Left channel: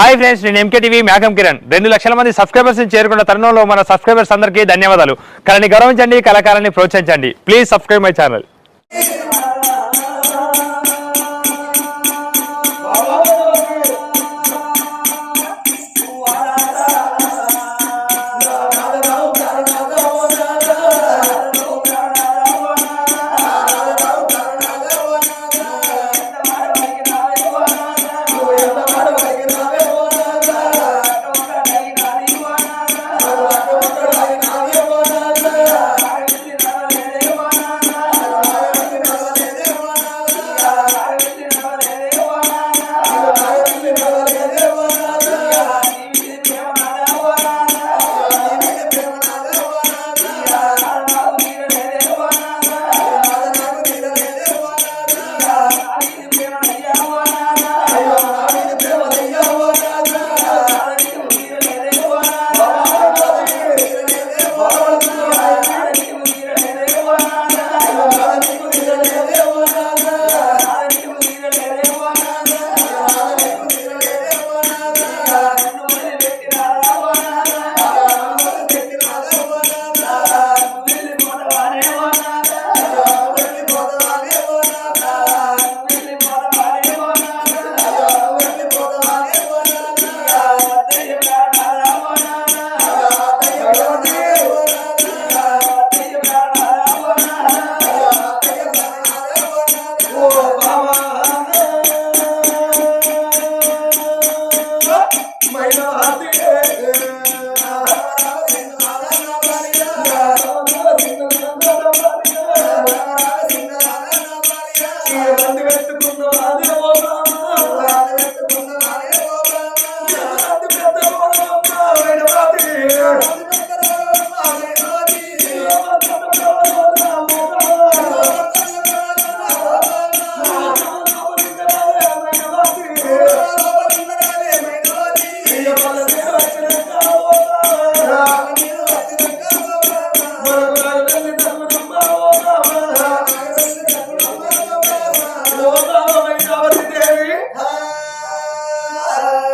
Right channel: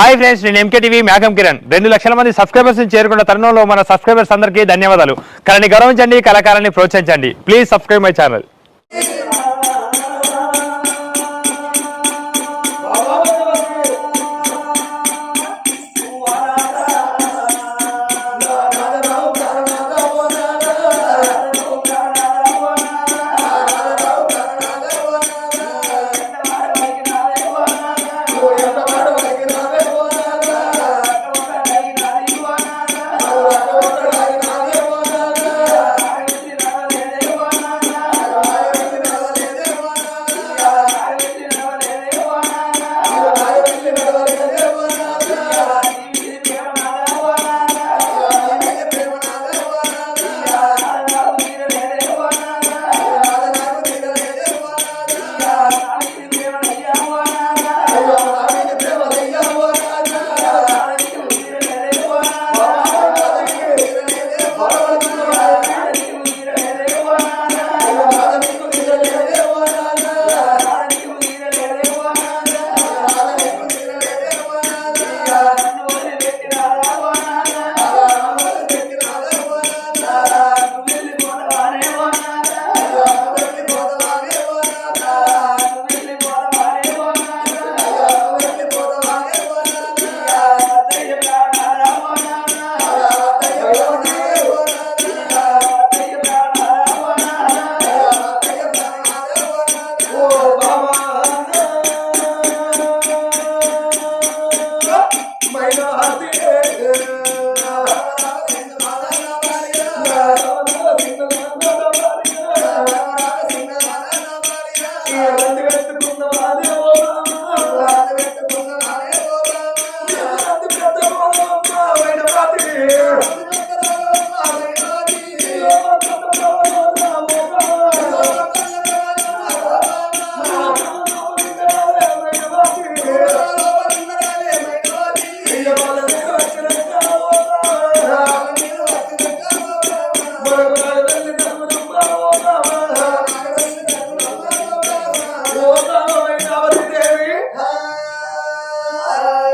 Hi friends, నేను MK TV మేఘం కిరణ్. 2 లక్షల మంది సబ్స్క్రైబర్స్ చేరుకున్న తరుణంలో మన సబ్స్క్రైబర్స్ అందరికీ ధన్యవాదాలు. కళని గౌరవించండి, కళాకారాన్ని ప్రోత్సహించండి. Please subscribe my channel.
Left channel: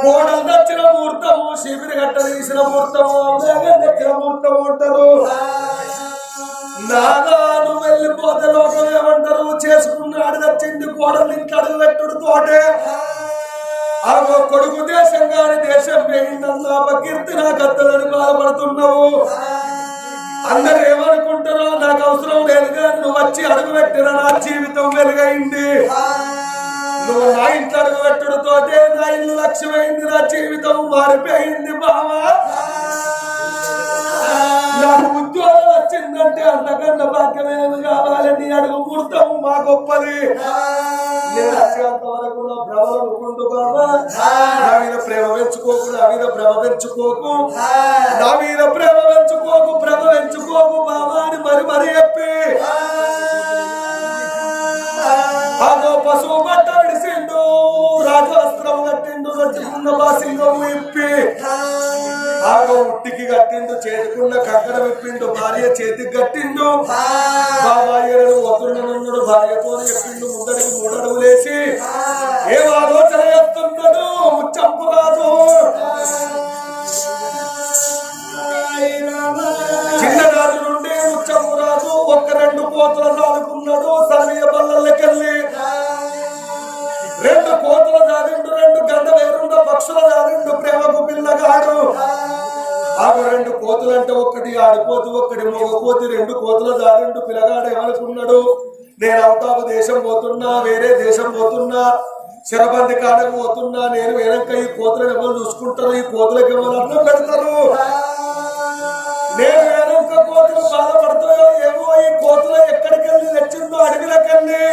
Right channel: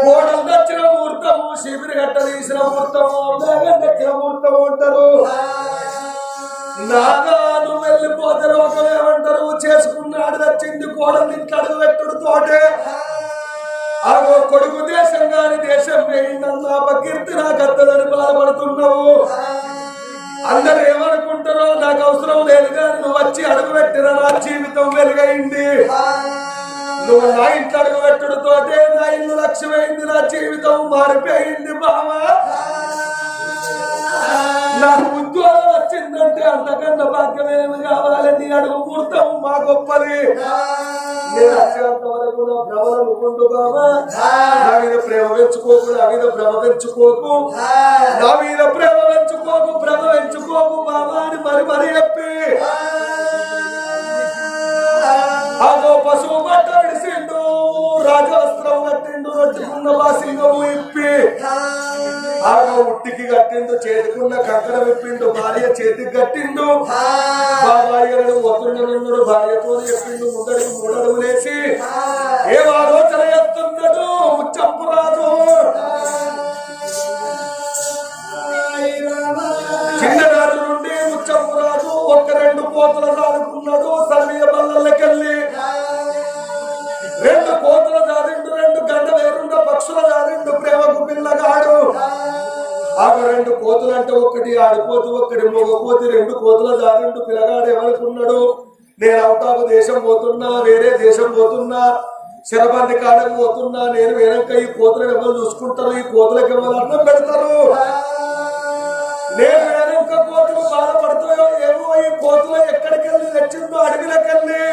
కోడలు తెచ్చిన ముహూర్తము, శిబిరి గట్ట తీసిన ముహూర్తము, తెచ్చిన ముహూర్తము అంటారు. నాదా నువ్వు వెళ్ళిపోతే లోకం ఏమంటారు? చేసుకున్నాడు తెచ్చింది కోడలు ఇంట్లో అడుగు పెట్టుడు తోటే ఆగో కొడుకు దేశం గాని దేశం పోయిందన్న అపకీర్తి నా కత్తలని బాధపడుతున్నావు. అందరు ఏమనుకుంటారో నాకు అవసరం లేదు కానీ నువ్వు వచ్చి అడుగు పెట్టిన నా జీవితం వెలుగైంది. నువ్వు నా ఇంట్లో అడుగు పెట్టుడుతోటే నా ఇల్లు లక్ష్యమైంది, నా జీవితం మారిపోయింది బావా. నాకు ఉద్యోగం వచ్చిందంటే అంతకన్నా భాగ్యమేమి కావాలని అడుగు ముహూర్తం మా గొప్పది. నేను వచ్చేంత వరకు నా భ్రమలు అనుకుంటూ బావా, నా మీద ప్రేమ పెంచుకోకు, నా మీద భ్రమ పెంచుకోకు, నా మీద ప్రేమ పెంచుకోకు, భ్రమ పెంచుకోకు బావా అని మరి చెప్పి అదో పశువు బట్ట విడిసిండు, రాజవస్త్రం కట్టిండు, రొట్టుకున్న బాసింగము ఇప్పి ఆగో ఉట్టికి కట్టిండు, చేతికున్న కంకణ విప్పిండు, భార్య చేతికి కట్టిండు. బాబాయ్యను వతురునన్నాడు, భార్యతో చెప్పిండు. ముందడికి 3 అడుగులేసి ఏం ఆలోచన చేస్తున్నాడు ముచ్చంపురాజు. చిన్ననాటి నుండి ముచ్చంపురాజు 1-2 కోతలు సాదుకున్నాడు. సర్వీయ బల్లకెళ్ళి 2 కోతలు సాదిండు, 2 గంటలు ఎవరుండో పక్షుల సాదిండు. ప్రేమకు పిల్లగాడు ఆమె 2 కోతులంటే ఒకటి ఆడిపోతు, ఒకటి మొగకోతి, 2 కోతుల సాదిండు. పిల్లగాడు ఏమనుకున్నాడు? నేను అవుట్ ఆఫ్ దేశం పోతున్నా, వేరే దేశం పోతున్నా, శరబంది కాడకు పోతున్నా. నేను వెనక ఈ కోతులను ఎవరు చూసుకుంటారు? ఈ కోతులకు ఎవరు అన్నం పెడతారు? నేను వెనక కోతులు బాధపడతాయో ఏమో. ఈ కోతులు ఎక్కడికి వెళ్ళి తెచ్చిందో అడవిలకెళ్ళి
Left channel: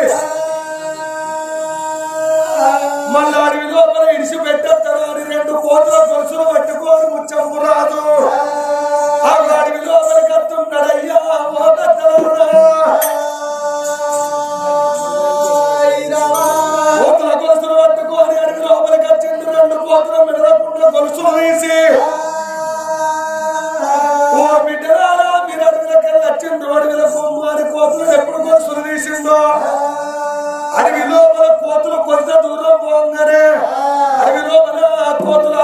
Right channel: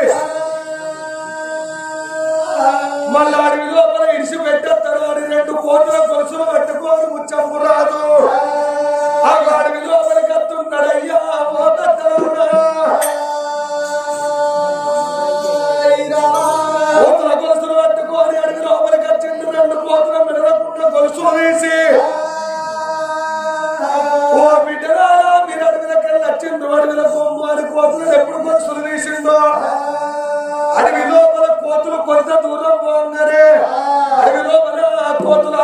మళ్ళీ అడవి లోపల ఇడిసి పెట్టేస్తారు అని 2 కోతుల గొలుసులు పట్టుకోరు ముచ్చంపు రాదు. ఆ అడవి లోపలికి వస్తున్నాడయ్యా కోతుల గొలుసులు పట్టుకొని అడవి లోపలికి వచ్చింది. 2 కోతుల మిడలకుండా గొలుసులు తీసి ఓ బిడ్డరాలా మీరు అడవిలకెళ్ళి వచ్చిండు, అడవిలకు మారి కోతులను ఎప్పుడు గొలుసులు తీసిందో. అడవి లోపల కోతులు కొంత దూరం పోగానే అడవి లోపల కోతులు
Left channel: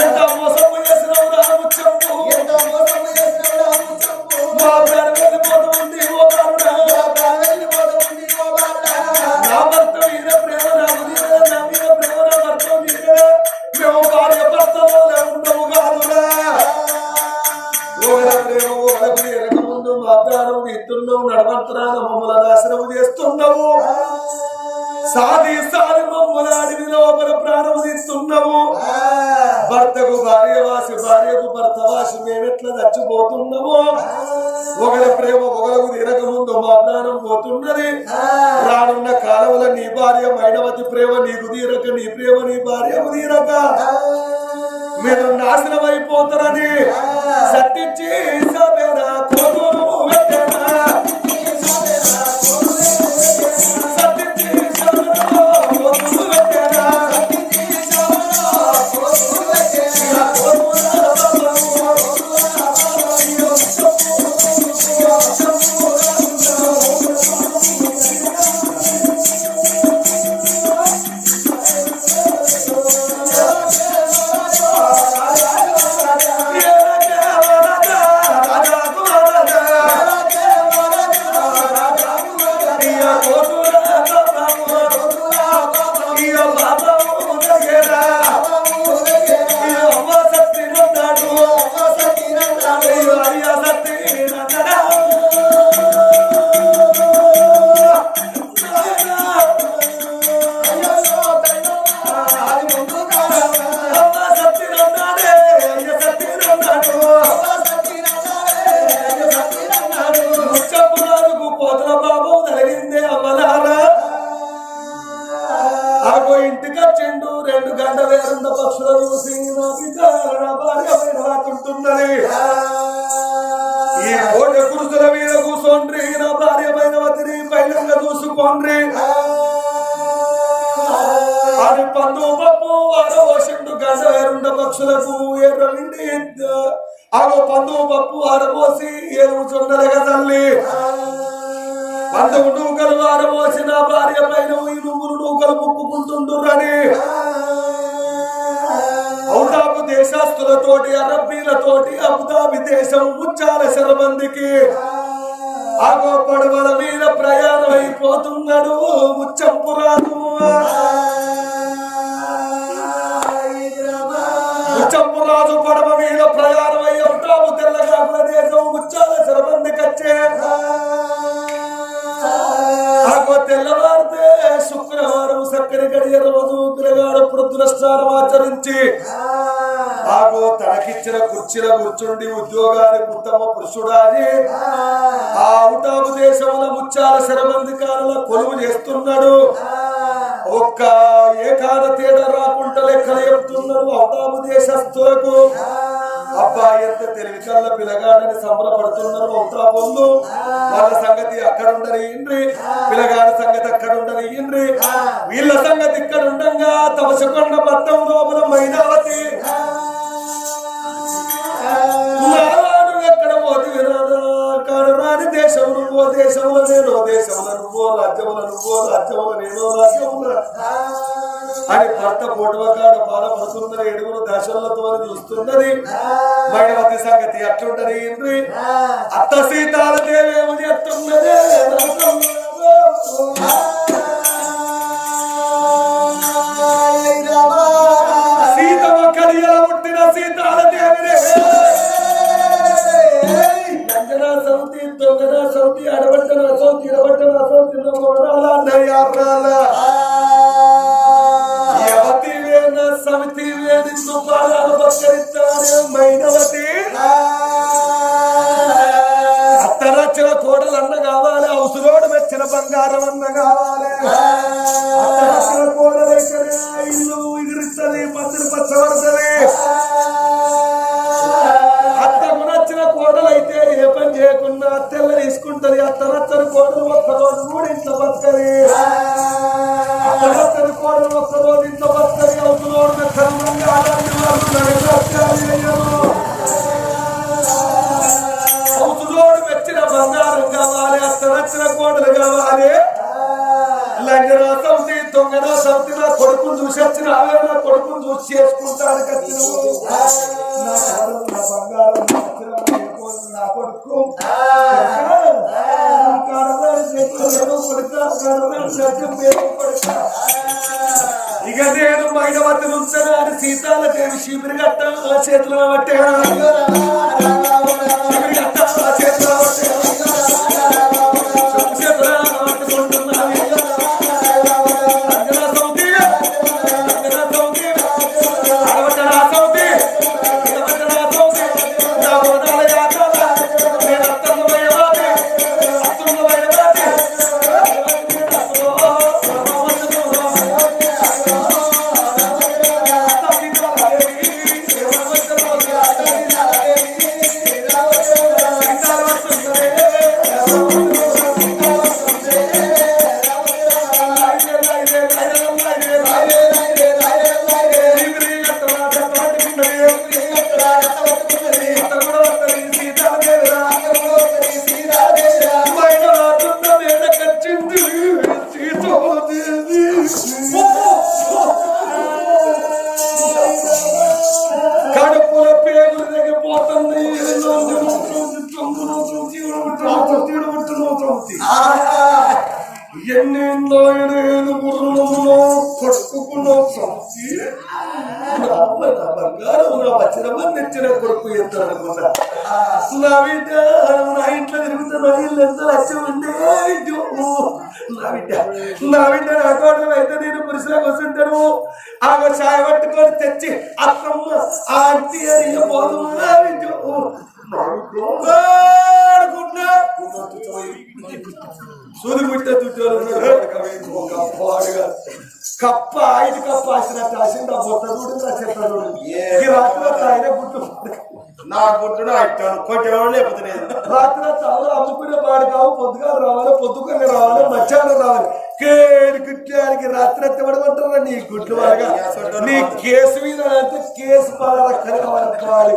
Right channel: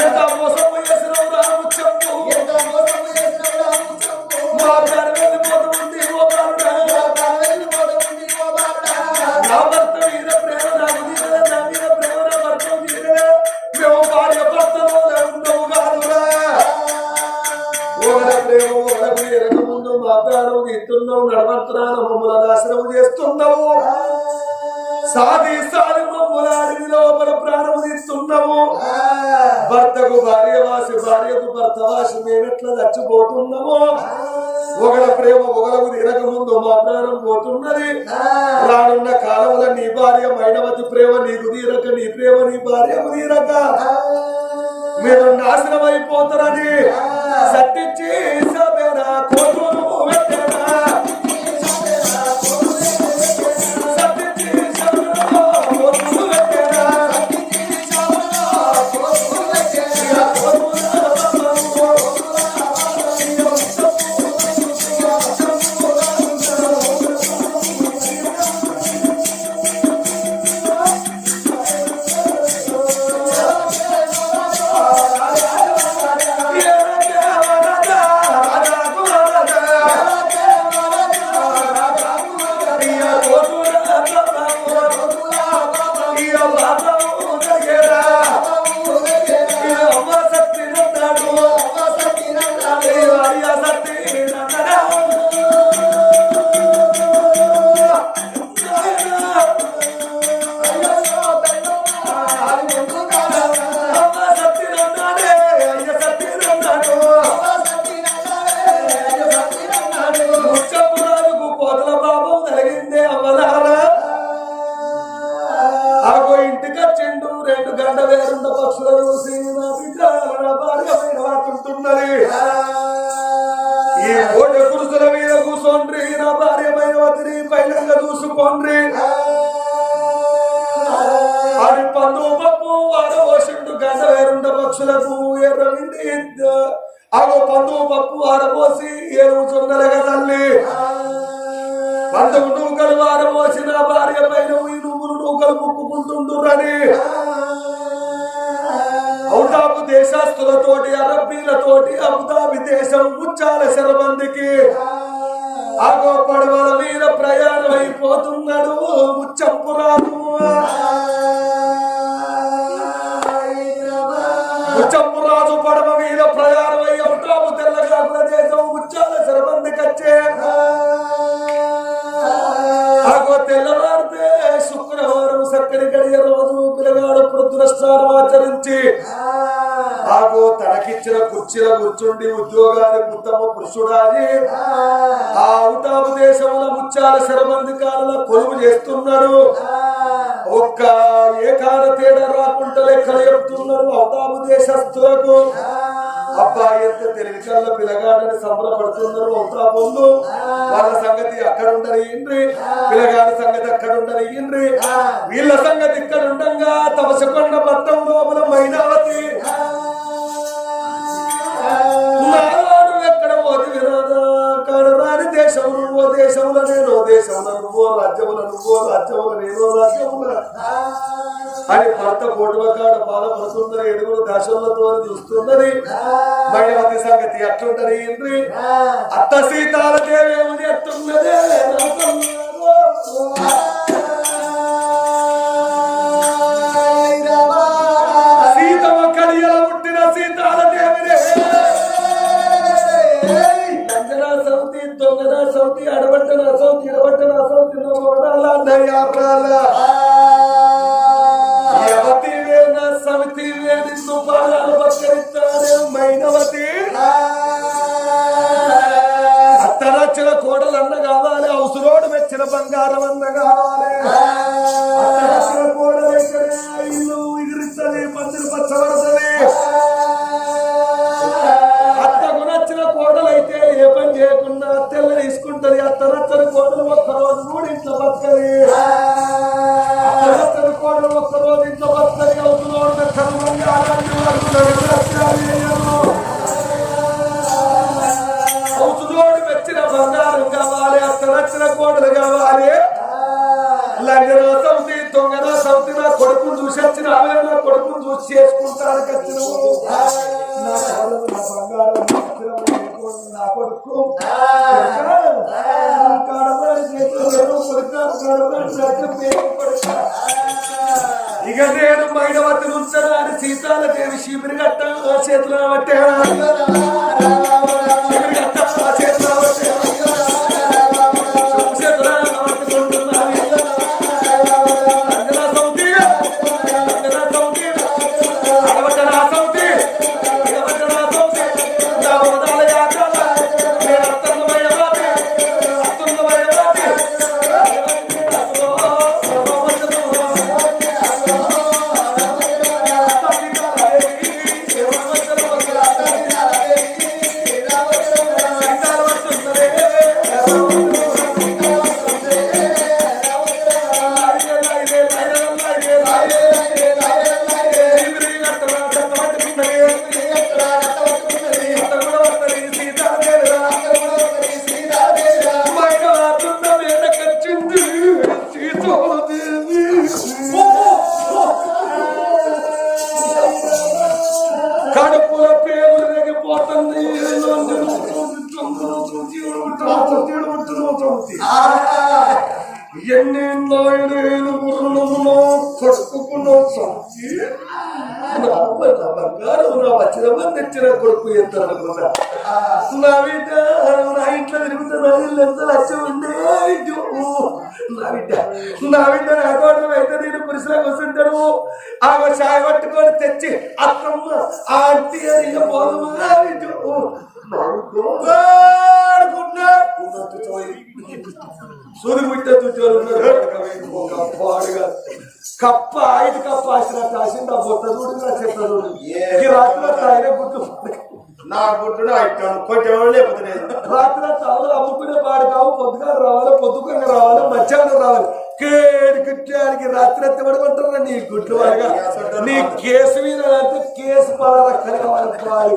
ఎంత మోసం చేసినవు రా ముచ్చంపు మా ప్రాణం వెళ్ళిపోతుంది ఓ బాలుడా నా భర్త మీద ప్రేమ నాకు తీరలే నా మీద ప్రేమ నా భర్త తీరలే మేము భార్య భర్తలో ఉండవు కాదురా ఓల ప్రేమ ఓలకు ఎరక ముందు మా ప్రాణం తీస్తున్నావు నడవంతరాన మమ్మల్ని నాశనం చేస్తున్నావు సాది సాది మమ్మల్ని అడవి లోపల ప్రాణం తీస్తున్నావు భర్తకు భార్య వాసి భార్యకు భర్త వాసి మేమెట్లా చచ్చిపోతున్నాము ఒకల ప్రేమ ఒకలకు తినక ముందు మా ప్రాణం పోతున్నది రానున్న కాలంలో నీ భార్య మైనవతి ప్రేమ నీకు తీరక నీ ప్రేమ నీ భార్యకు తీరక మీరు నాశనం అయిపోతారని సట్టించి సబేరా కోతులు పెట్టారా ఇంటికొచ్చిండు 2 గంట వేరున్న పక్షుల చూసి నా విచారణ భార్య పైనవాకుంటున్నది ఈ కోట కురుసుల మీద కూసోండ్రి నా భార్య మైనవతిని పైలంగా చూసుకోండ్రి అని పందు పప్పు ఆరబోసిండు గంట వేరుండ పక్షులకు ఎర్రవిండి ఆగో పందు పప్పు ఆరబోసి ఏరువు చున్నలుగా తల్లి 11 నూకలు ఆరబోసిన భార్య పైన ఈ నువ్వులు నూకలు ముక్కుకుంటుండ్రని ఔటాబు దేశస్తులతోటి అరబ్బీలతోటి అబుదాబి దేశం ముచ్చాల శరబందికి ఆగో పడవల మీద ప్రయాణం అయిపోతున్నాడు ముచ్చంపురాజు ముచ్చంపురాజు పడవ మీద ప్రయాణం అయ్యి ఔటాబు తెల్లగాకుల దేశం ముచ్చాల శరబందికి వచ్చే ఆగో తెల్లవారితే శుక్రవారం సక్కడి గడియ రోజు పిల్లగాడు ప్రొద్దునస్నానం ఆచరించి ఆగో తనకిచ్చిన కుర్చీల కూర్చుండి ఉద్యోగానికి ఉత్తమ పురుషుడాది ఆ ఔటాబు దేశముల ముచ్చాల శరబంది కాలంలో కొలువు చేస్తున్నాడు ఒక్క ఏకాన తేడా రాకుండా లెక్కలు చెప్తున్నాడు ఔటాబు దేశస్తులకు అబ్బా ఎంత తెలివి కల్ల పిల్లగాడని సంబరపడుతున్నారు ఔటాబులు వాళ్ళ సంగతి అక్కడ ఉండనియండ్రి పిల్లగాడి సంగతి అక్కడ ఉండనియండ్రి వీళ్ళ సంగతి ఇక్కడ ఉండంగా తమసకొండ పట్టం లోపల మైనావతి ఎక్కడ పోతే వినాదా కాడు రాని దేశము నువ్వో దేశముల నేనో దేశముల నువ్వో రాజ్యముల నువ్వో రాజ్యముల నేనో రాజ్యముల అని భర్త పోటువ కాడ బాధపడుతున్నది 7 దశలతో చూస్తున్నది మైనవతి సంగతి అట్లుంటది ఇంద్రి అత్త సీతాల దేవేమో చెప్తున్నదే సీతమ్మ కడియల పుట్టిన సీతాల దేవినే లంజనా సౌతి దొంగన సౌతి అడబట్టన సౌతి ఇడబట్టన సౌతి సమితి వేదిస్తూ పాదాలు పక్కరిస్తానే మైనవతి అత్తరచ్చిన కోడలు అన్న కావాలి అవసరోడు మెచ్చిన బంగారం అన్న కావాలి అత్తరచ్చిన కోడలైతేనే ఇల్లు ఎగిరిస్తుంది పందిరి పచ్చబడుతుంది అత్తకు నచ్చిన కోడలైతే ఏ పని చేయకుండా అత్తెల్ల తీసుకుంటది అత్తరచ్చని కోడలు ఒక్కరోజు కూడా ఇంట్లో బతకలి అత్తరచ్చని కోడలు ఒక్కరోజు ఇంట్లో బతకలి అవుతున్నాడు అవుతులోడు మెచ్చిన బంగారం కావాలి అత్తనచ్చిన కోడలు కావాలి లంజనా సౌతి దొంగన సౌతి నా కొడుకును చూసి వచ్చిన నా కొడుకును చూసి చేసుకుంటానికి వచ్చినవు నా కోడలు నా బంగారం నా కొడుకు ఇక నేను మైనవతి నుంచనా అని సీతాలదేవి శిబిరి గట్ట చేతిలో పట్టాను శిబిరి గట్ట చేతిలో కడుపుల పేగులు తగ్గిపోతుంది ఎన్నెన్నో ఎడేలు గుర్రులో కొడుకుకున్నో సంచి బంగారం నా వచ్చిన తెచ్చిన కొడుకు ఎత్తారనుకున్నా నా బిడ్డ నా ఇంట్లో తిరుగుతా నా ఇల్లు ఎంత లక్ష్యం ఉండే నా బిడ్డ నా కోడలు అయితే నేను పురుషులకు వస్తుంటాను ఆమె చాయ్ పట్టుకొని తెచ్చి అత్తమ్మ ఆంటీ అని పోదు సూది పుట్టే చుట్టారు కప్ప 5 కప్ప ఆసినట్టు ఆసింది ఆ బొత్త చూడు నా చెత్త చూడు ఈ రాత్రి ఆయన గుట్టు నా గుట్టును అయిపోయాను కొంచెం లేకపోతే నేను రాత్రి చాలా అమ్ముకునే పాడు కావు పొద్దుగా రావాలి పొద్దుకొని రావాలి మధ్యాహ్నం రావాలి కేడు కుట్టానికి రాత్రి ఎత్తి పడుకుంటారా నీ గుడ్లు వాడగా నీ కేసు మీద అంటే కేసు పాడక్కలు కావాలి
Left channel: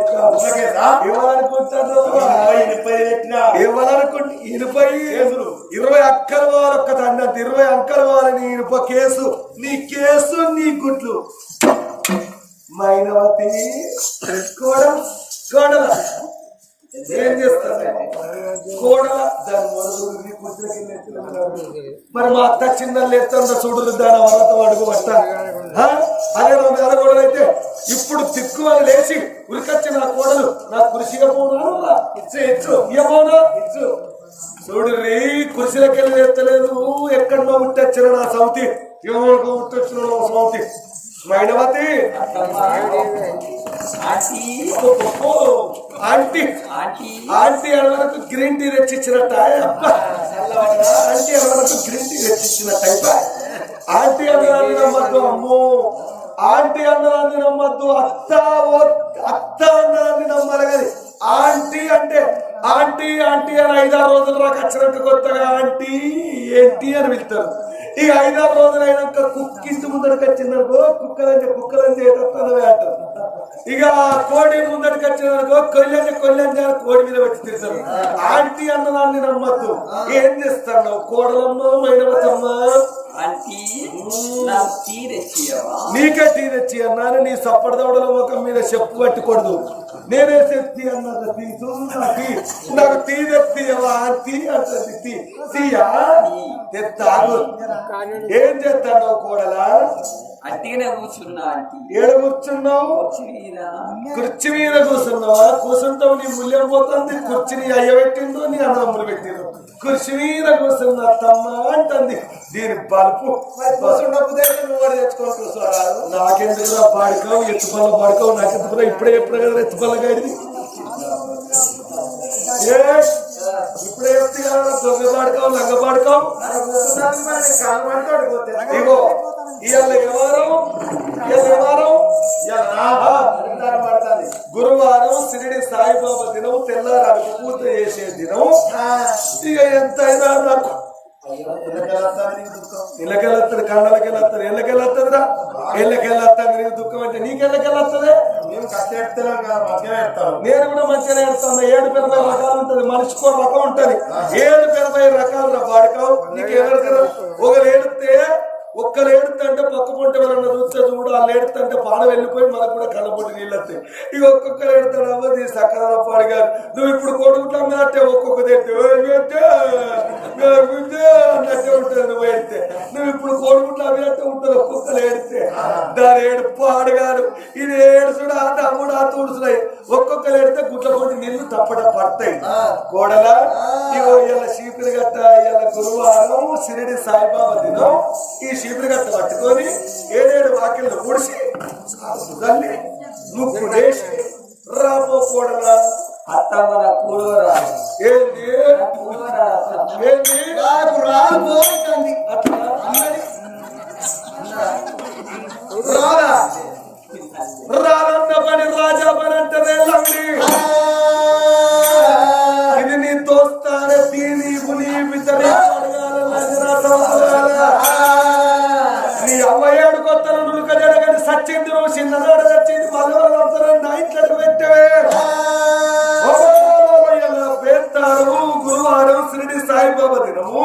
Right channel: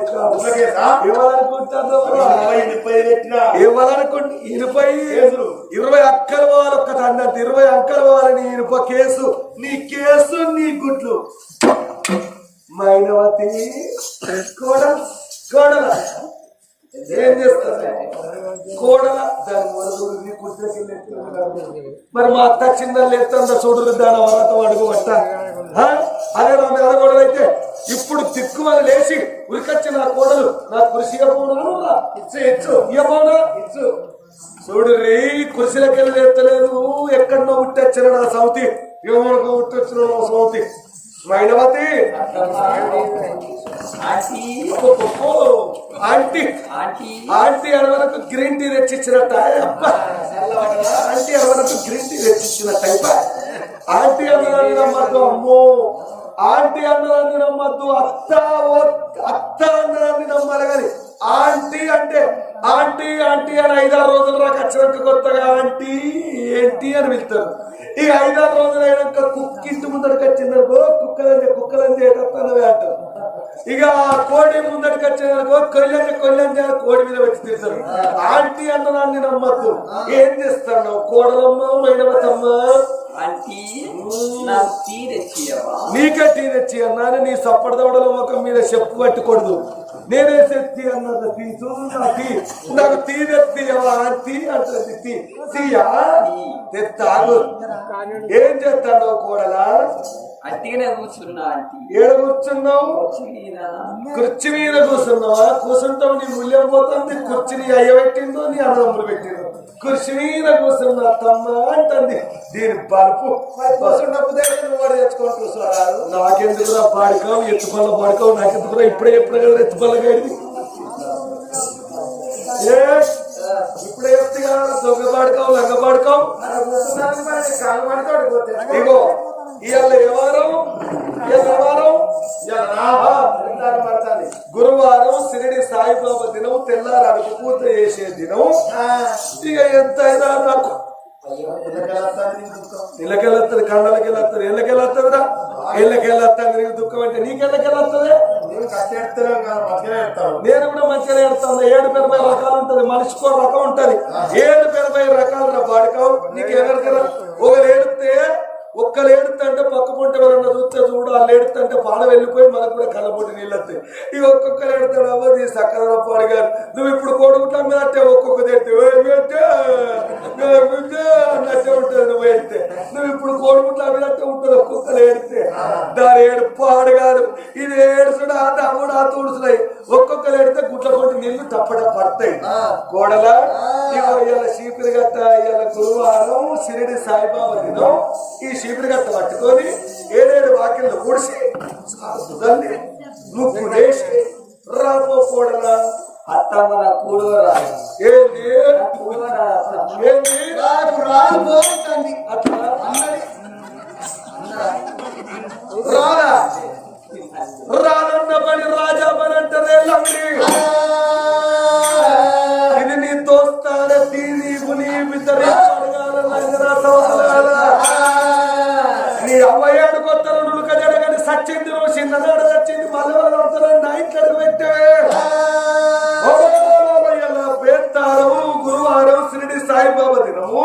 ఏమనుకుంటారు ఏమనుకుంటు 20 అక్కలు వాళ్ళు ఒక్క అన్నట్టు 20 అంకలు వాళ్ళని ఇనుప కేసు నీ కేసు నీ గుడ్లు మైనవతి కోడల ఏం చేస్తారు కోడల దాని మొదలు మరి మా అత్త చిన్న లేస్తుందా చూడరు దాని వరత అడుగు పట్ట అదే నా మీద కోడలు అయితే ఇప్పుడు దిక్కుమని లేచి ఉరికొచ్చి నా కోడలు నా కృషి ఇవ్వబోనా ఇవ్వబోనా చూడు రీ కృషిలకెళ్ళి లేస్తలేదు ఎక్కడో ఉట్టొచ్చిన నా సౌతి ఎవరికి ఉట్టొచ్చిన నా సౌతి మైనవతి ఆంటీ ఆంటీ అనవరకు గ్రీన్ టీ తెచ్చిచ్చినట్ట ఆంటీ అనవరకు గ్రీన్ టీ తెచ్చిచ్చినట్ట ఆంటీ అన్నదాన్ని నమ్మద్దు అమ్మో ఆంటీ అన్నదాన్ని నమ్మద్దు అత్త అన్నదాన్ని నమ్మాలి కానీ ఆంటీ అంటే ఆంటీ ఆంటీ అని 5-6 రోజులు రాక వచ్చినాక కొత్తగా ఆంటీ ఏంటి అని పిలుస్తారు ఇక 5-6 రోజులు అయినాక కుక్కింటి ముందడికి వచ్చిందనుకో కుక్కలని చేయటనవే అంటారు ఇక కోడి ముందడికి వచ్చిందనుకో కొల్లంజ కోడి మీద పెట్టి తిరుగుతారు ఆంటీ అన్నదాన్ని నమ్మద్దు ఏం చేస్తాను కోడలమ్మ మైనవతమ్మ నీకే టీ తెచ్చి అన్నాను నీ సప్పడదవడల ముఖం మీద చెప్పు పట్టుకూడదు నేనే తెచ్చి అన్నది తీసు నాకు టీ తెచ్చియవా టీ అంటుంది తీయా తెస్తాగు ఏం చేస్తాను కోడలా ఏడ కూర్చున్నావు కుర్చీ మీద కూర్చున్నావా కూర్చుంటావు నీ మూల్యం పోతుంది కుర్చీని అయ్యబెట్టిందో నీ అన్నదమ్ములు పెట్టిందో కుర్చీ మీద కూర్చున్న తమ్మ అంటుంది దీని బలుపు తెచ్చుకొని కూర్చోరాదు నాకెందుకురా పాడుకోవు ఎత్తుపల్ల పాడుకోవు నాకెందుకురా ఇప్పుడే ఎప్పుడు కదా ఎత్తుపల్ల గడిది ఇప్పుడే చెప్తే కదా దొంగ పాడుకోవు లంగ పాడుకోవు ఇగో ఇవాళ గురువారం షిరిడి సాయిబాబా దినం తెల్లారి అడుగు పూత చేసే దినం ఇక ఎంతైనా నాకు ఇళ్ళకెళ్ళొస్తుంది కండలకెళ్ళొస్తుంది ఎళ్ళకెళ్ళొస్తుందిరా ఎళ్ళకెళ్ళొస్తుంది నీకు దుఃఖం అంటే నీకెళ్ళకెళ్ళొస్తుంది మేము కష్టం కదా మంచిగా ఎడతాం నేను కూడా మంచిగా ఎడతాను 7-80 రకాలు ఉంటది మనిషికో రకం ఉంటది 7-80 రకాలు బాడుకావు నీకు ఎవరికైనా ఒకరు ఏడితే ఒక్కలు ఏడుతంటే పక్క పొంట ఎవరన్నా చూస్తే చూడు, వాళ్ళు ఏడుతంటే పాడ వెళ్ళిపోయి మనకు కూడా కళ్ళపొట్టి నీళ్ళు వస్తాయి. ఇక ఒక్కొక్కరు ఏడుతాడు అవ్వదు సక్కదనప్ప అడిగారు. నువ్వు ఇప్పుడు కోడుకుంటా అట్టే ఒక్కొక్క తెట్టే అన్నట్టే ఉంటుంది. నువ్వు ఏడితే నువ్వు ఇప్పుడు కోడుకుంటా అట్టే ఉంటుంది. ఒక్కొక్కరు ఏడితే దాని ఏడు పాడగారు ఇది ఏడుచుడు ఆ తమ్ముడు ఆ తుడుచున్నాయి. ఒక్కొక్కరు ఏడితే గుట్ల పొంటి నీళ్లు తప్పట పడతాయి. కోడలా ఇగో ఇలా చీపిరి గట్ట ఇలా గురువారం షిరిడి సాయిబాబా దినం ఈ చీపిరి గట్ట పట్టుకొని 7 వాకిళ్ళు కూడిసి తల్లి ముక్కు వేసి రాబో కోడలా అత్తమ్మ కూడవరా ఏంది ఏంది రాబోతుంది అట్లా అన్నది రాదా రాదన్న పని రాజా పని అంటారే లండి. ఇది నీ దోస్తాన దీని పుని బిద్దరి నీ 57 కొత్తలు నులుక జడగని సచ్చింది. నువ్వు చిన్ననాడు సచ్చింది మల్లవల నడుతారని నా ఇంట్లోకి పెట్టవే. పేర్తారము గురువారం షిరిడి సాయిబాబా దినము.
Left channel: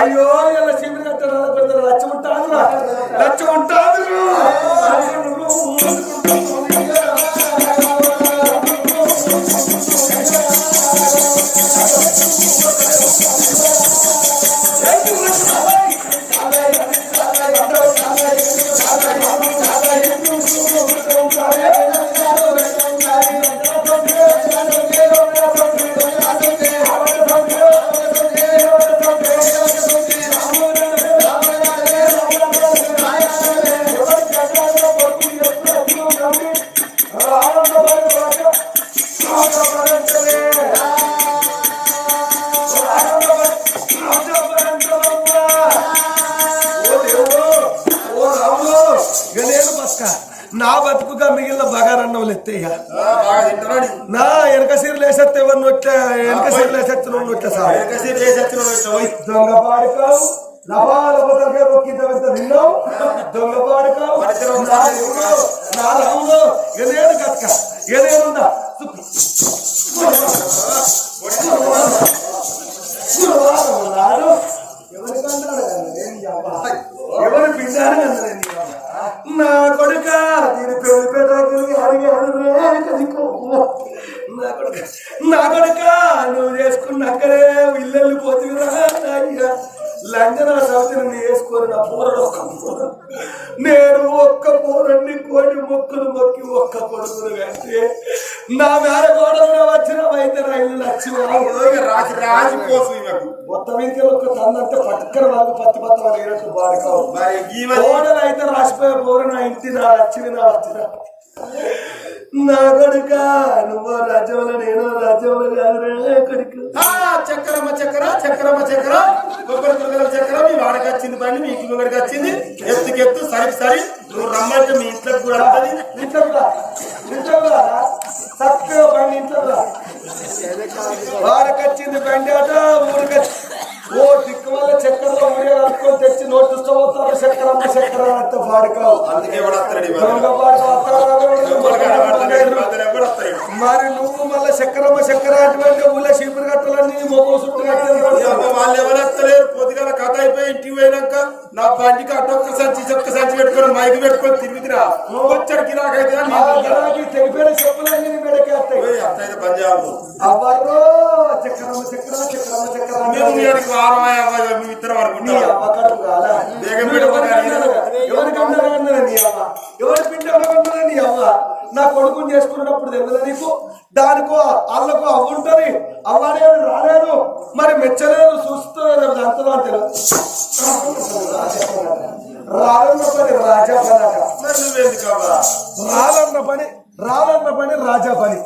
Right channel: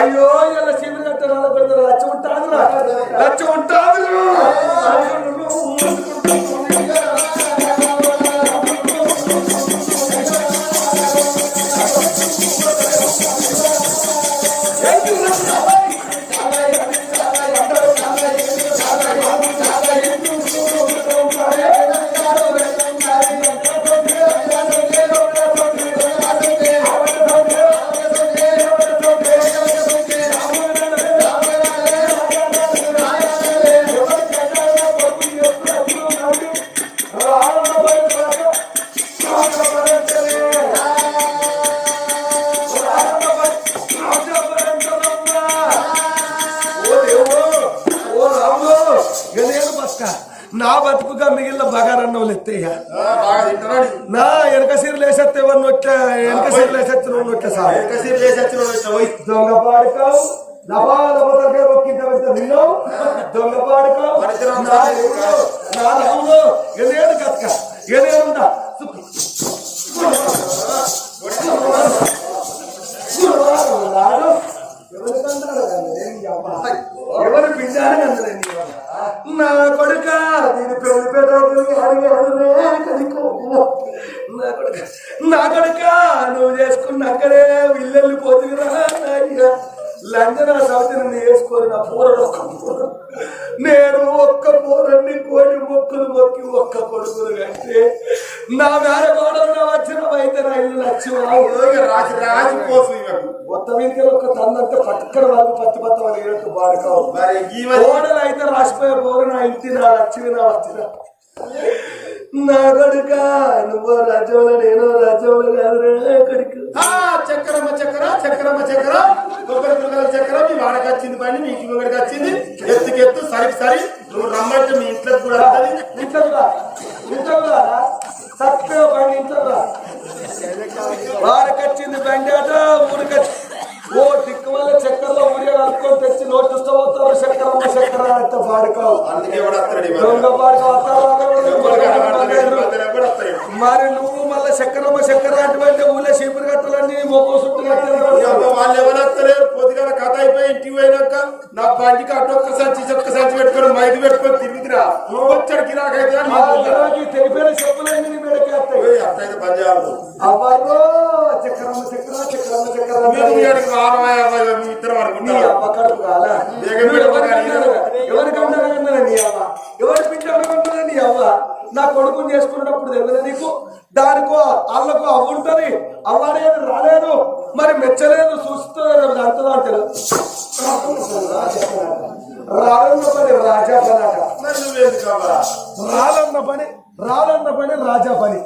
అయ్యో ఇలా శివుని గట్ట నాన్న పెడతారు. లచ్చ ఉంటాదురా లచ్చ ఉంటాదు. నా బతుకుగా మిగిలిన బగారన్నవులు ఎత్తయ్య నా వెనక సీరలు వేసేస్తే ఎవరిని వచ్చా వెనక సీరలు వేసేస్తే వచ్చా సార్ దొంగ పాడుకావు లపాలపతలకే ఒక్కింత పెద్ద నిన్నావు దొంగ పాడుకావు నా రాముడు ఎనేడు కక్క ఎనేడుందా ఎవరి పిండారు కన్నదే నా కొడుక దీని పెళ్లి పెట్ట నా కొడుక నువ్వు చేసుకున్నాకనే ఇల్లెళ్ళిపోతురా అయ్యా. లంజన సవతిని వేసుకొని నా పూరడు నేను ఒక్క పూరన్ని కోడి మొక్కులు మొక్కి ఒక్క కొడుకును కంటే నా మేడ గోడలు వచ్చిన అయితే నా ఇల్లు రాజిపోతుంది మొత్తం ఇంకెళ్ళి ఒక్క తందంటే పట్టుకర వాళ్ళకి పత్తి వాళ్ళినట్టు బాడుకావు. గోడలు అయితే రాసిపోయే పోరు నా ఇంటి నా లక్ష్మి నా వచ్చిన నా కొడుక నువ్వు రాజ్యంలో నేను రాజ్యంలో కాదురా కొడుకు. చక్రమ్మ చక్ర చక్రమ్మ చక్ర కొబ్బరి దుర్గల చక్ర మీ వాడకి వచ్చింది బండి మీకు ముంగడికి వచ్చింది. ఎత్తుకెత్తు సరికి సరి నువ్వు రమ్మంటే మీ ఇంట్లోకి కూడా వస్తుంది. ఇంట్లో చక్కగా బండి ఇంట్లో వాడికి వచ్చింది బండి అట ఊరికి ఓ దిక్కు వల్ల చక్కెరలో ఊరే కలుపుకొని తెచ్చి నోటి చూస్తపోతారు. చక్కెరమ్మ చక్కెర అంత పాడుకావు మరి నువ్వు మళ్ళీ చక్కెరమ్మ చక్కెర అటువంటి ఊళ్ళో చీపురు కట్టాలని మొక్క చుట్టూ కట్టాలి. వాళ్ళు ఎవరొస్తలేరు. పొద్దుగల కథ అయిపోయి ఇంటికి పోయినాక నా బండికి అటొక్క సంచి చొక్క సంచి పెట్టుకొని మైకి పెట్టుకొని తిరిగిరా వచ్చాడు గిరాకైతే తెలిపోయిన చెప్పులన్నీ మెడకి వస్తాయి. అట్లయితే పని చేయాలి. అవ్వరు చక్కెరమ్మ చక్కెర చక్కెరమ్మ చక్కెర ఇద్దరు అనుకుంటా ఎవరికన్నా నీ అవ్వ ఎవరి పిండి నీ అవ్వ నా కొడుకుని చేసుకునేటప్పుడు తెలియదు నీకు. దానికో వాళ్ళకు అవ్వుంటది అవ్వలేదు రాలేదు మరి మెచ్చలేదు చూస్తలేదు అంతదా అంటే రాలన్న పని రాజా పని అట. రాలన్న పని రాజా పని.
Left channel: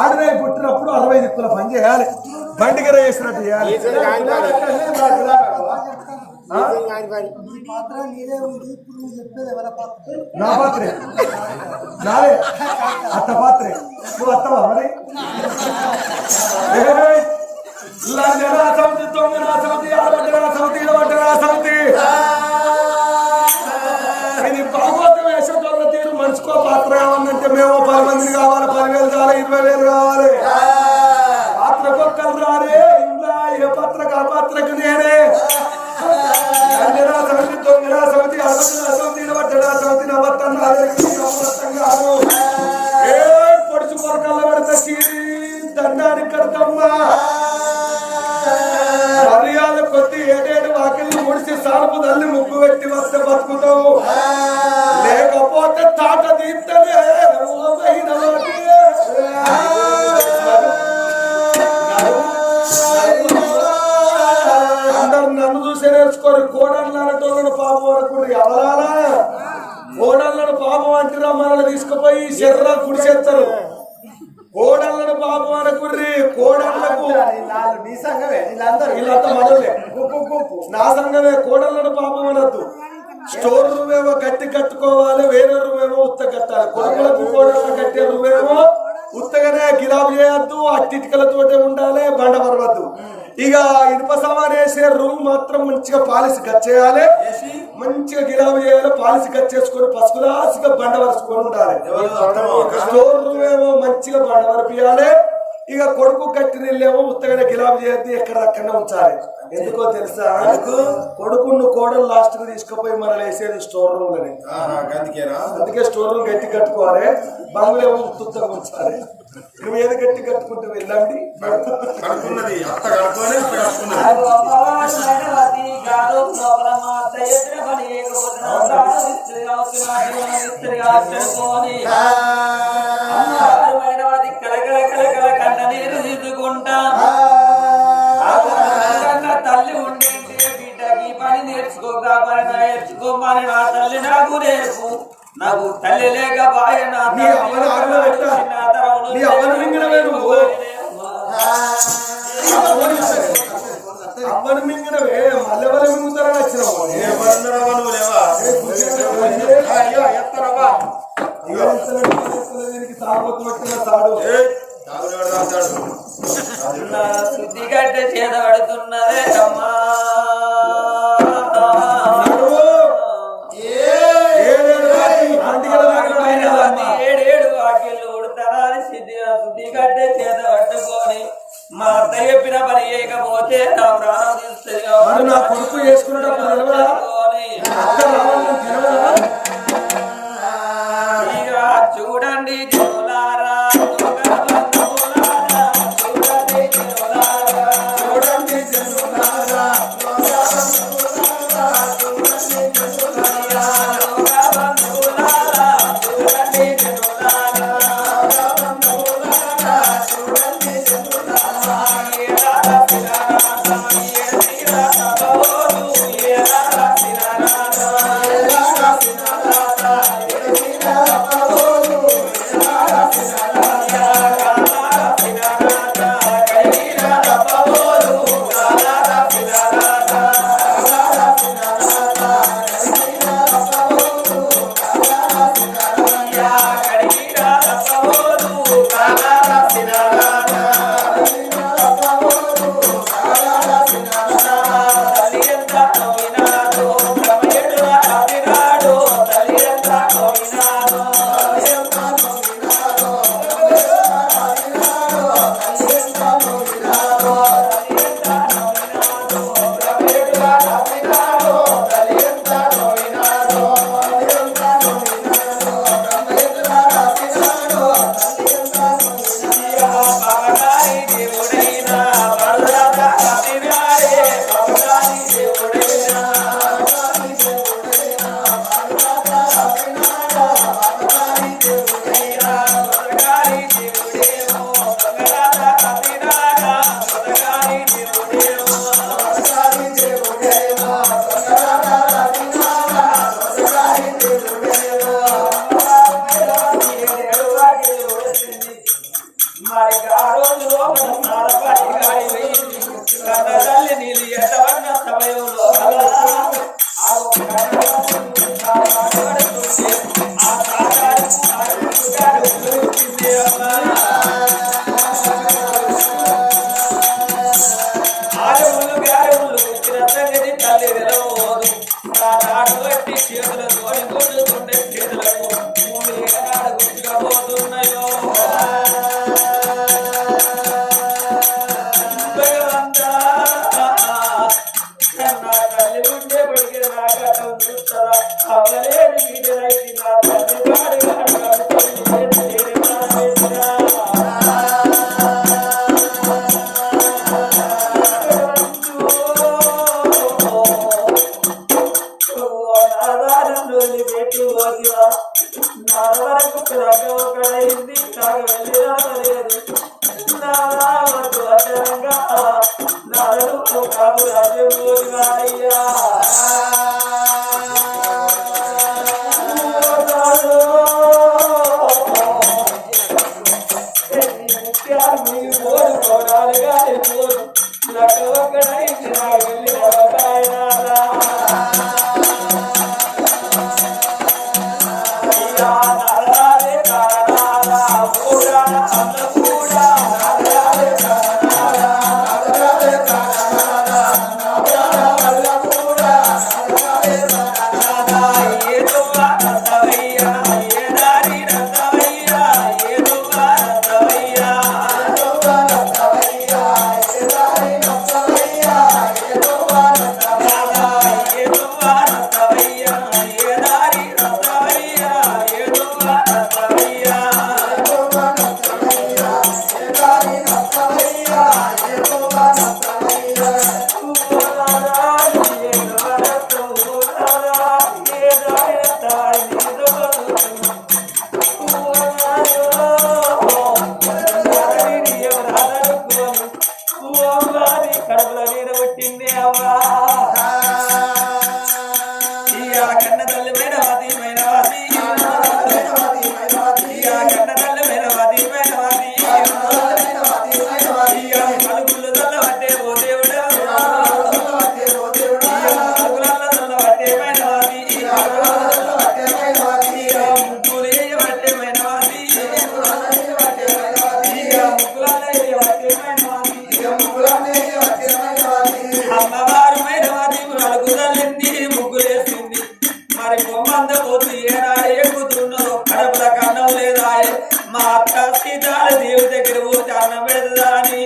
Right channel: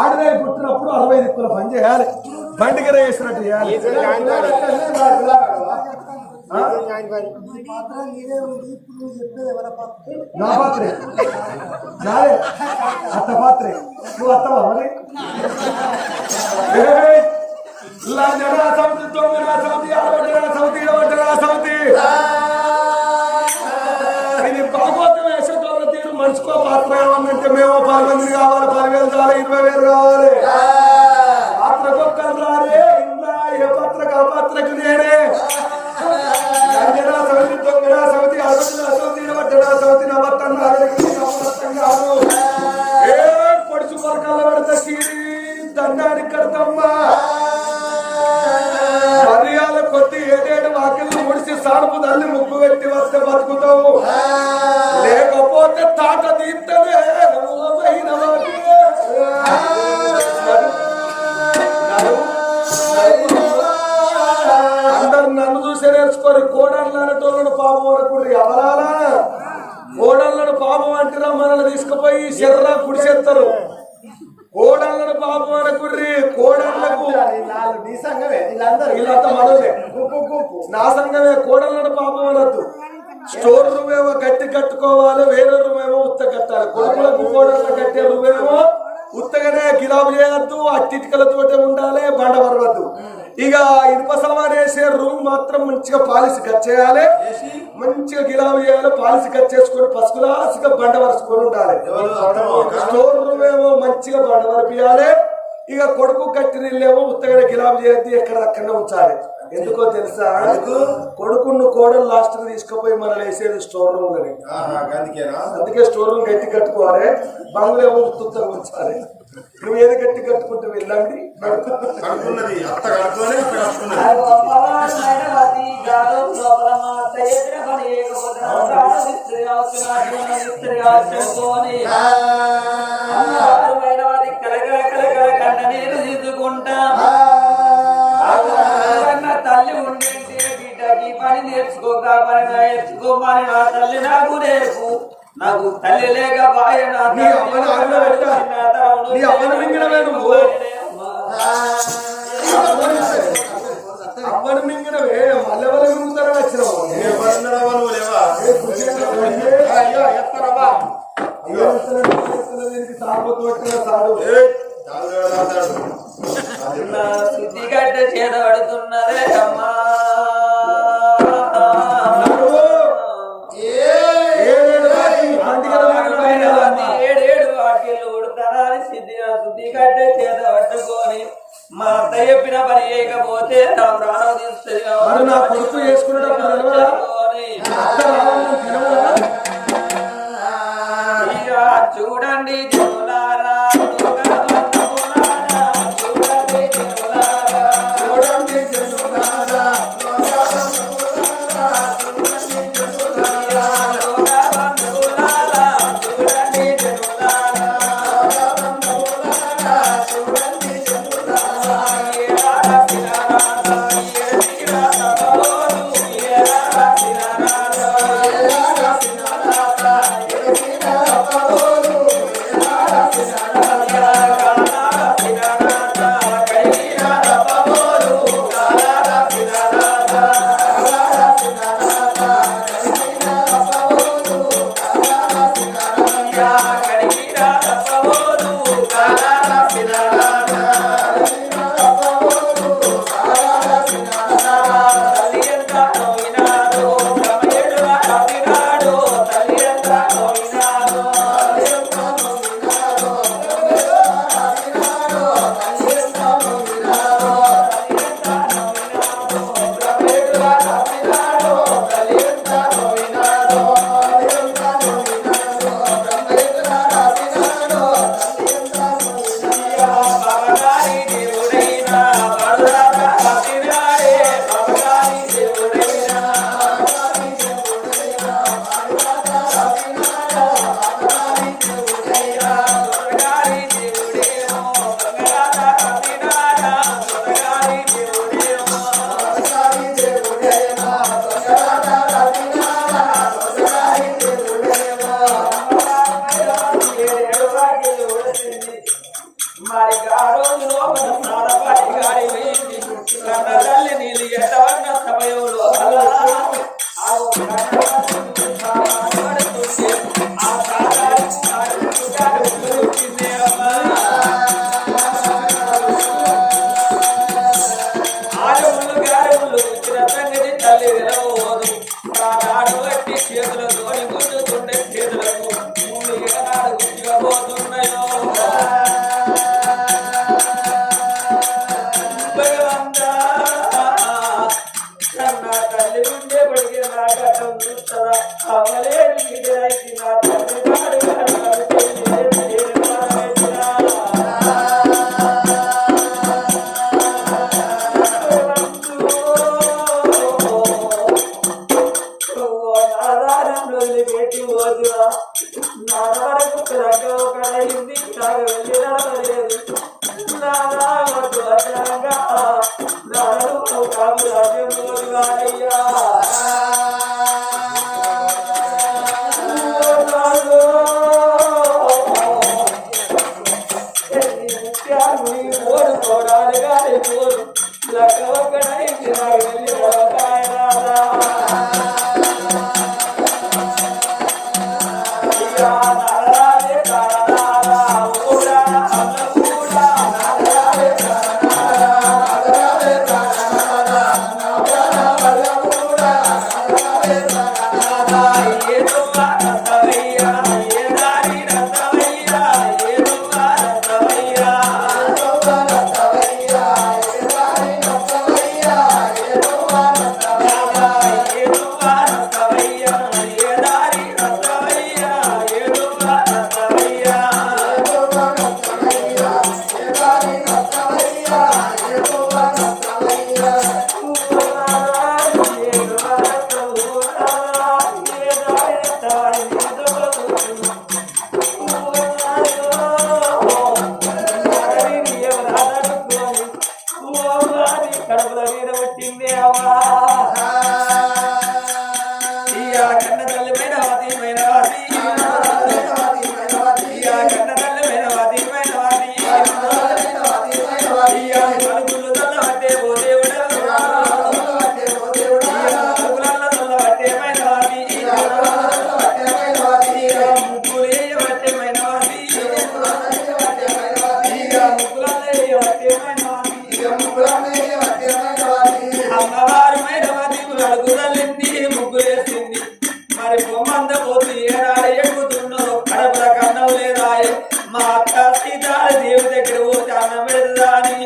ఆడదాయి పుట్టినప్పుడు 60 దిక్కుల పని చేయాలి. బండిగర వేసినట్టు చేయాలి. నా పాత్రే నాలే అత్త పాత్రే నువ్వు అత్తవా మరి. లంజనా సౌతి తొంగనా సౌతి ఆడబడ్డనా సౌతి ఇడబడ్డనా సౌతి ఇది భాగవతం వేసేటోళ్ళ తీరు మనిషికో పాత్ర కావాలంటే మేము 10 మందిని కావాలి. 10,000 కావాలి 20,000 కావాలి. పాత్రకొక్కలు రారే ఇందా ఏ పాత్రకు ఆ పాత్రకు నేనే. లంజనా సౌతి తొంగనా దానికి నమ్మకం కాదు. ఏ పొడిచి పొరకల్లో పెడతా చీరి దండానికి కడతమ్మా. మర్యాద కొద్ది ఏడేడు వాకిళ్ళు ముడిసి సానుపు తల్లి ముగ్గు పెట్టి వస్తే బతుకుతావు, లేకపోతే తాట తీస్తేనే అందరు నన్ను చూసి నేర్చుకొని కోడళ్ళు అనేటోళ్ళను పాపం అనుకుంటారు. ఎవరాలా కోడళ్ళను పాపం అంటారా? మనల్ని తీసుకుపోయి శర్రా గుడిసేస్తారు. కోడళ్ళను పాపం అనకుర్రి. కోడళ్లకు వీళ్ళంతా మనలే, నా సంఘమే. కోడళ్ళను పాపం అనద్దు. స్టోర్ రూమ్ ఏమో గట్టి కట్టుకోవాలి, వేరే రూమ్ ఏమో ఉత్త కట్టాలి. కొడుకులకు కోడళ్ళ కట్టే రూమ్ ఏమో ఉత్తగానే గిలాబు చేయొద్దు, అట్టిటికలతోటే ఉండాలి, బండ వరవద్దు. ఇక ఇనుప సామాన్ వేసే రూమ్ మాత్రం మంచిగా పాలిసి కట్ చేయాలి, మంచిగా గిలాబు చేయాలి, పాలిసి కట్ చేసుకొని పసుకులాసిగా బండ వరుసుకొని ఉండాలి. స్టోర్ రూమ్ ఏమో మంచిగా బండ వరపియాలి. ఇక కొడుకు కట్టిన ఇల్లేమో ఉత్తగానే గిలాబు చేయొద్దు, ఎక్కడ అక్కడనే ఉంచాలి. ఎందుకో తెలుసా? కొడుకును కోడలు లాస్ట్ కి తీసుకుపోయి మనం వేసేది స్టోర్ రూమ్ అని. అందుకే స్టోర్ రూమ్ గట్టి కట్టుకోవాలి, బంగులేమో ఉత్తుగా ఉంచాలి. నువ్వు ఏది గట్టి కట్టుకుంటే వెళ్ళండి కడుకున్నది అత్త కడుకోనే కలకల కలకల కంట నీరు తీసుకుంటా తల్లి ఉండేంటే బిడ్డకి పని నేర్చుకోక పని నేర్చుకోమని నా తల్లి నాకు రేపు నాకు తల్లి లేక బాయ అవ్వను మింగినవే మల్లెవల మింగుతారని వచ్చినావు. శుద్ధిగడ్డ చేత పడుతున్నదే అమ్మా. ఏడేడు వాక్యలు ఉడతారని శుద్ధిగడ్డ చేత పట్టుకొని మా అత్త చెప్పిన పని చేయకపోతే నా ప్రాణం తీస్తుంది. నా కొడుకు చేసుకునేటప్పుడు ఇక చూడండి జనులారా, చూడండి జనులారా, చూడండి జనులారా, లెక్క ఒకడైంది నాకు వెళ్ళి నడవలేదు నాడు అదనంగా నాడు కాదు రాజ్యం వాడయ్యా ఓడుకోరాలు గాలి పోరు లెక్క ఒకడైంది నాకు వెళ్ళి నడవకాయనా కడుపులో నీరు పుట్టింది అవ్వా కన్న తల్లి మైనవాది మైనవాది కన్న తల్లి మైనవాది మైనవాది పలుకులు తల్ల పట్టే ఓ దేవుడా పలుకులల్ల తల్ల పట్టే మైనవాది ముగ్గులు వేయబట్టే మైనవాది ముగ్గులల్ల వేయబట్టే మైనవాది అమ్మవారు మైనవాది అడుగుదలింది ముగ్గులేసింది మరి బొమ్మంద పోతు ఏనాడు ఎక్కుతున్నదో కడపల కన్నం లేదా మా అక్క సీతాల దేవి దగ్గర పోతే అన్నం పెడదా అని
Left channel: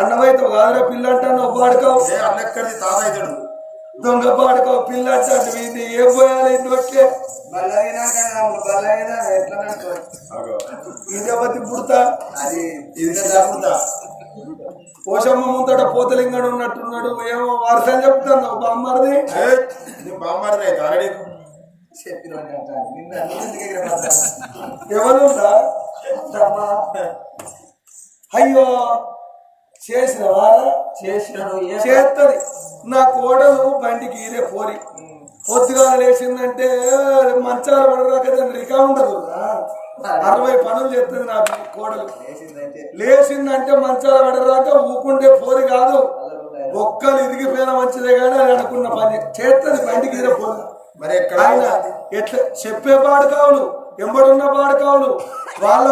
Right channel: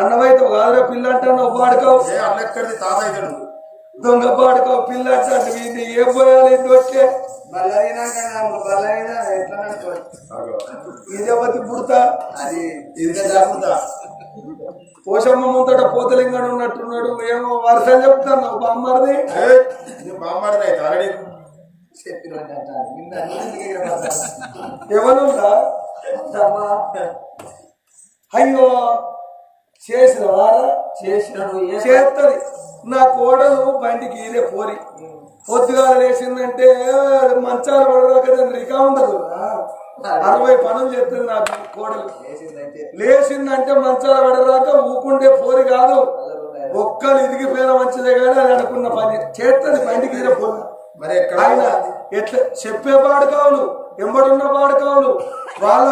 అన్నమైతే కాదురా పిల్ల అంటాను పాడుకోవు అన్నక్కడిది తాతయ్యడు దొంగ పాడుకోవు పిల్ల అంటాను వీడిని ఏం పోయాలి ఇంటికే ఇదే బతి పుడతా అది పుడతా పోషమ్మ ముందట పోతలింగడు ఉన్నట్టున్నాడు ఏమో వరుసలు చెప్తాను బామ్మది బామ్మది అయితే ఆల్రెడీ ఎవరుందా అయ్యో చేసిన వారా చేస్తుంది నా కోడలు బండికి ఇదే పోరి పొద్దుగా లేచిందంటే మంచాల పడరాక రికా ఉండదు 60 పనులు చేస్తుంది నా కోడలు లేచిందంటే మంచాల పడరాక ఊకుంటే పోరి కాదు ఒక్కలు ఇరిగిపోయిన మంచిదే కానీ అని అనుకున్న పని చేస్తుంది బండికి ఇదే పోరి మరి ఆయన ఎట్లా చెప్పే పాడుకావులు ఎంబడున్న పాడుకావులు వాళ్ళ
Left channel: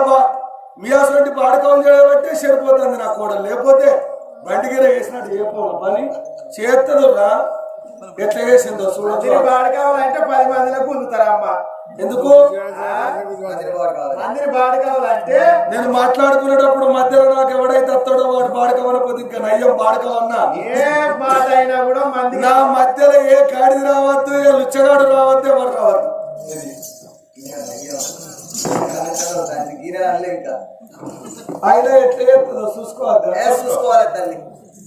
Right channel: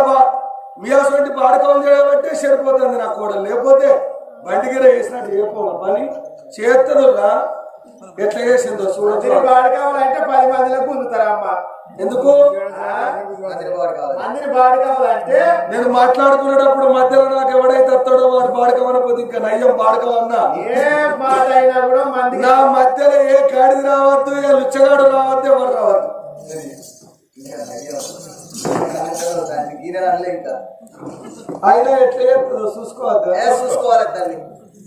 మీయాసంటి పాడుకావులు చేయబట్టే సరిపోతుంది నా కోడలు లేకపోతే బండిగిర వేసినట్టు చేయపోవాలి పని చేస్తుంది రా ఎట్లా చేసిందో చూడదు పాడుకావాలంటే 10 మందిలో పొందుతారా అమ్మ ఎందుకు మందిని పాడుకావాలంటే నేను మాట్లాడుకునేటప్పుడు మధ్యలో నాకు ఎవడైతే వస్తాడో వాడు పాడుకోవనపోతే ఇంకా నయ్యం పాడుకోవన్నా ఏ మాట అయినా కూడా నా మధ్యలో ఏ గాడిది రావద్దు ఏ లుచ్చగాడు రావద్దు ఎవరు రావద్దు ఆయన ఎట్లా చేస్తుందో చూసుకోవాలి తల్లి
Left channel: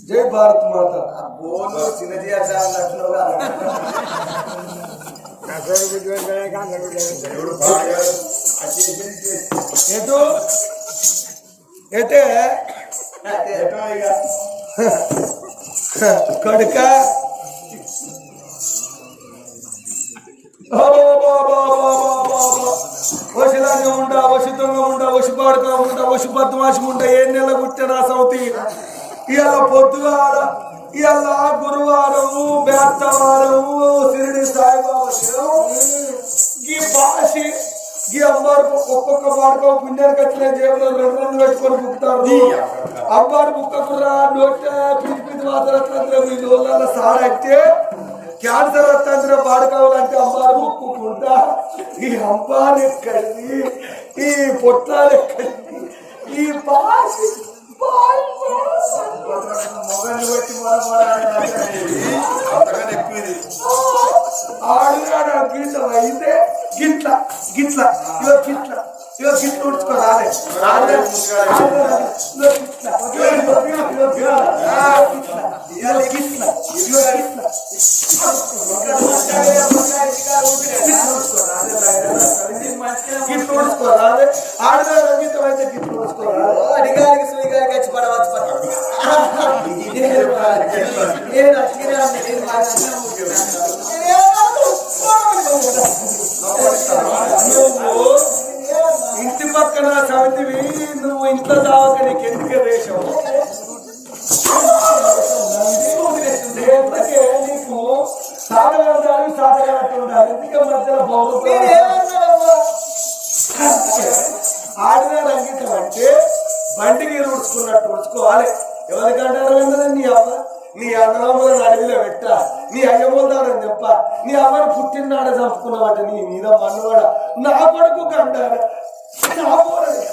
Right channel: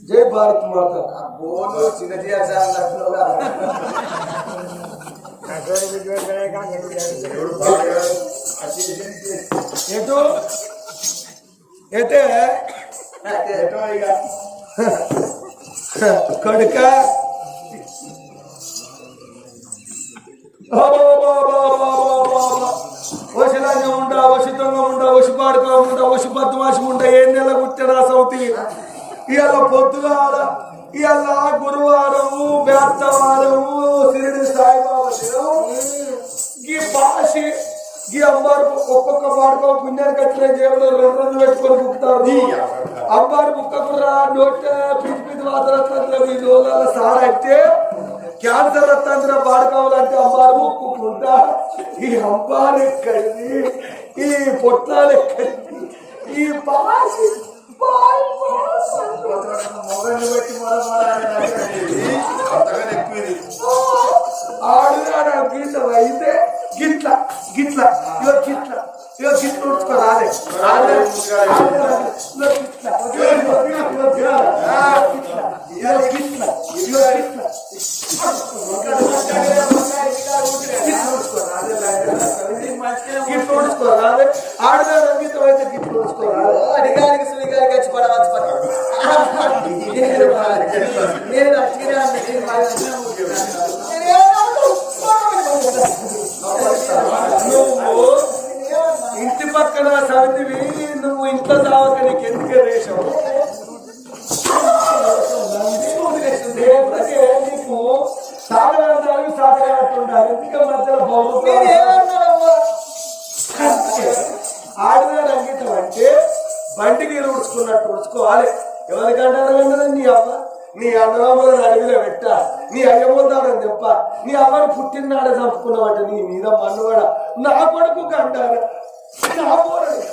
జై భారత్ మాత బోను చిన్న చేయాల్సి ఎటు అయితే కొడుక వశిలాంగ ఉండ వశుతంగ ఉండ వశు పాడుక ఉండ వశు పద్మాసి ఉండ ఏ నెల కుట్టినా సౌతి ఇవాళ పొద్దుగాల ఇవాళ గురువారం బేత్తవారం సిరిడి సాయిబాబా దినం ఈ భాష ఈ అమ్మారు ఒక్కొక్క పాడుకో పుణ్యానికి వచ్చిన జేబులో 2 రోజులు పెట్టుకొని బుక్తారు అమ్మారు బుక్కకురా నోట పిచ్చి వాతరత్న మీ నోళ్ళ సాడైతే క్యాన్సర్ వస్తాంద్ర పాడుకోవాలంటే అమ్మారు ముక్కుకుంటా ఈ అమ్మారు ఎక్కడిది ఈ పొట్టాలు ఎక్కడిది ఈ భాష మొగన్ని బట్టి అంతగానే ఎక్కువ ఇది ఆడుగాడు గీత అయితే గిట్ల గిట్ల ఇవ గిట్ల ఉడుచుకో రాలే గిట్లు ఉడుచుకో రాలే ఆడుగాడు అంగీతం అయితే గిట్లు ఉడుచుకో రాలే అడిగానికి సుడిగానికి వచ్చి పడవచ్చు నువ్వు ఇంటి పక్కన సమితివి నువ్వు ఇంట్లో చావక నీకు ఎందుకే రేషం నీకు సాధనాలు సాధనట్టు ఉండాలి ఎందుకే మధ్యలో ఆడినాడు అంకితం అంటే బండికి ఉడుచుకున్నట్టు ఉడుచుకోవాలి ఎవరికంటారు వెంటనే నీ అవ్వ నీ అన్నదమ్ములను అడవిలో పెట్ట నీ అయ్యమ్మదారని తెప్ప నీ అవ్వను పుట్టినాడ చంపుకున్నావట నీ మీద మన్నువాడ నా కొడుకు కంటారు నా పోరడు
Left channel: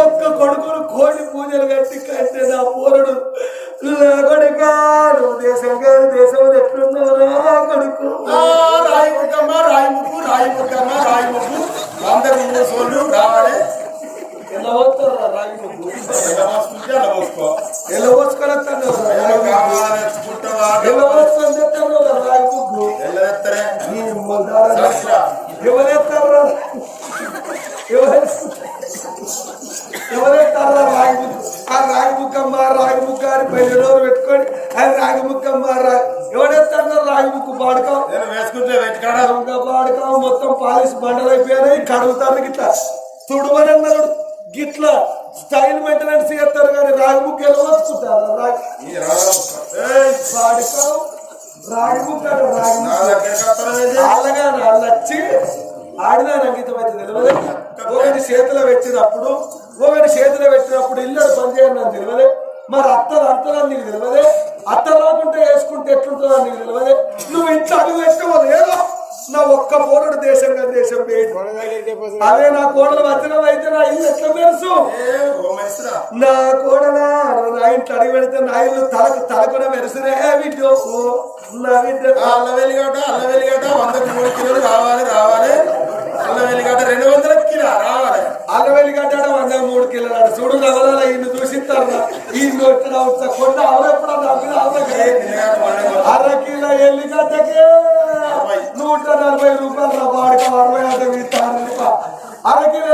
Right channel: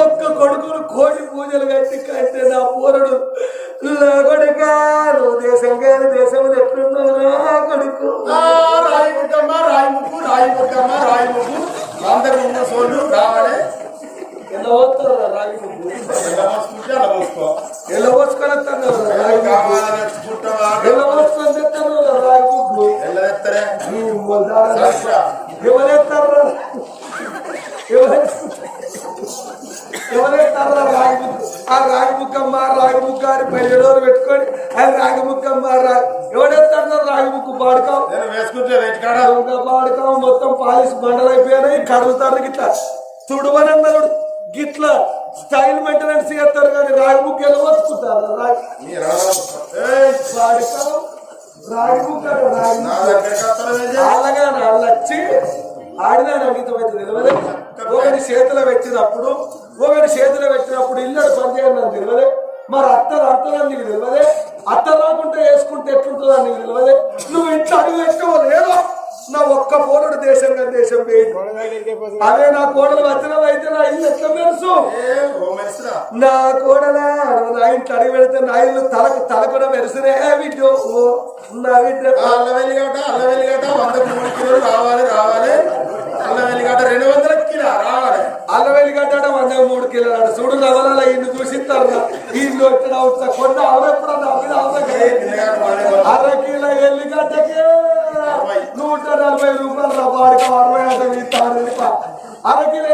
ఒక్క కొడుకులు కోటి పూజలు కట్టి కంటే నా పోరడు కొడుకా నువ్వు దేశం కాదు దేశం ఎట్లున్నావురా కొడుకు రాయి ముక్కమ్మ రాయి ముక్కు రాయి ముక్కమ్మ రాయి ముక్కు 100 సోళ్ళు రావాలి ఎలా పోతారు రాగి ముగ్గు ఎలా పోసుకో ఎలా పోసుకొని ఎలా పోసుకొని తెస్తారు రాగి ముగ్గు ఎత్తరే ఎవరెత్తారా ఎవరెత్తారా రాగి ముగ్గు ఆ రాగి ముక్కమ్మ రాగి ముక్క అని 10 రోజులు పెట్టుకొని అది రాగి ముక్కమ్మ ఎవరెత్తారా రాగి ముక్కు పాడుకావు నేను వేసుకుంటే వెంటకాడ పాడుకావు మొత్తం పాలిష్ బండలు అయిపోయినాయి కడుగుతారు గిట్లా తుడువనన్నాడు గిట్లా స్టైల్ మెయింటెనెన్స్ చేస్తారు కానీ రాగి ముక్క ఎలా వచ్చుకుంటారు పాడుకావు రాగి ముక్క అలాగా వచ్చి ఆడినా అంకితం అయితే తెలియదు ఒకటి చేతిలో పెట్టినప్పుడు ఇల్లడు పనిచేయడం నాకు తెలియదు మరి అత్తదని నీకు తెలియదే అత్త రాకుంటే వేసుకుంటే ఎట్లుంటుందో నీకు తెలియదే నువ్వు ఇంట్లో అడుగు పెట్టుకోవాలి ఏదో నా ఒక్క పోరుడు దేశంగా దేశం వేయండి అదే నా కోడలు వచనం అయితే నా ఇల్లు ఎట్లా మెరుసు నా కోడలా నా ఇంట్లో అడుగు పెడితే నా ఇల్లు తల కూడా మెరుసురే విడ్డో నా బిడ్డ అల్ల వెల్లిగడ్డ 103 కిలోలు రావాలి అల్ల వెల్లిగడ్డ 200 కిలో రావాలి అల్ల వెల్లిగడ్డ 103 కిలోలు చూడు రవలాల ఇన్ని చూసిస్తారు ఇల్లు ఎక్కడ అవుతా కొండ అవరెప్పుడన్నా అర కిలో ఎల్లిగడ్డకే 140 రూపాయలు వాడికి 60 అంటే 60 రూపాయలు అర కిలో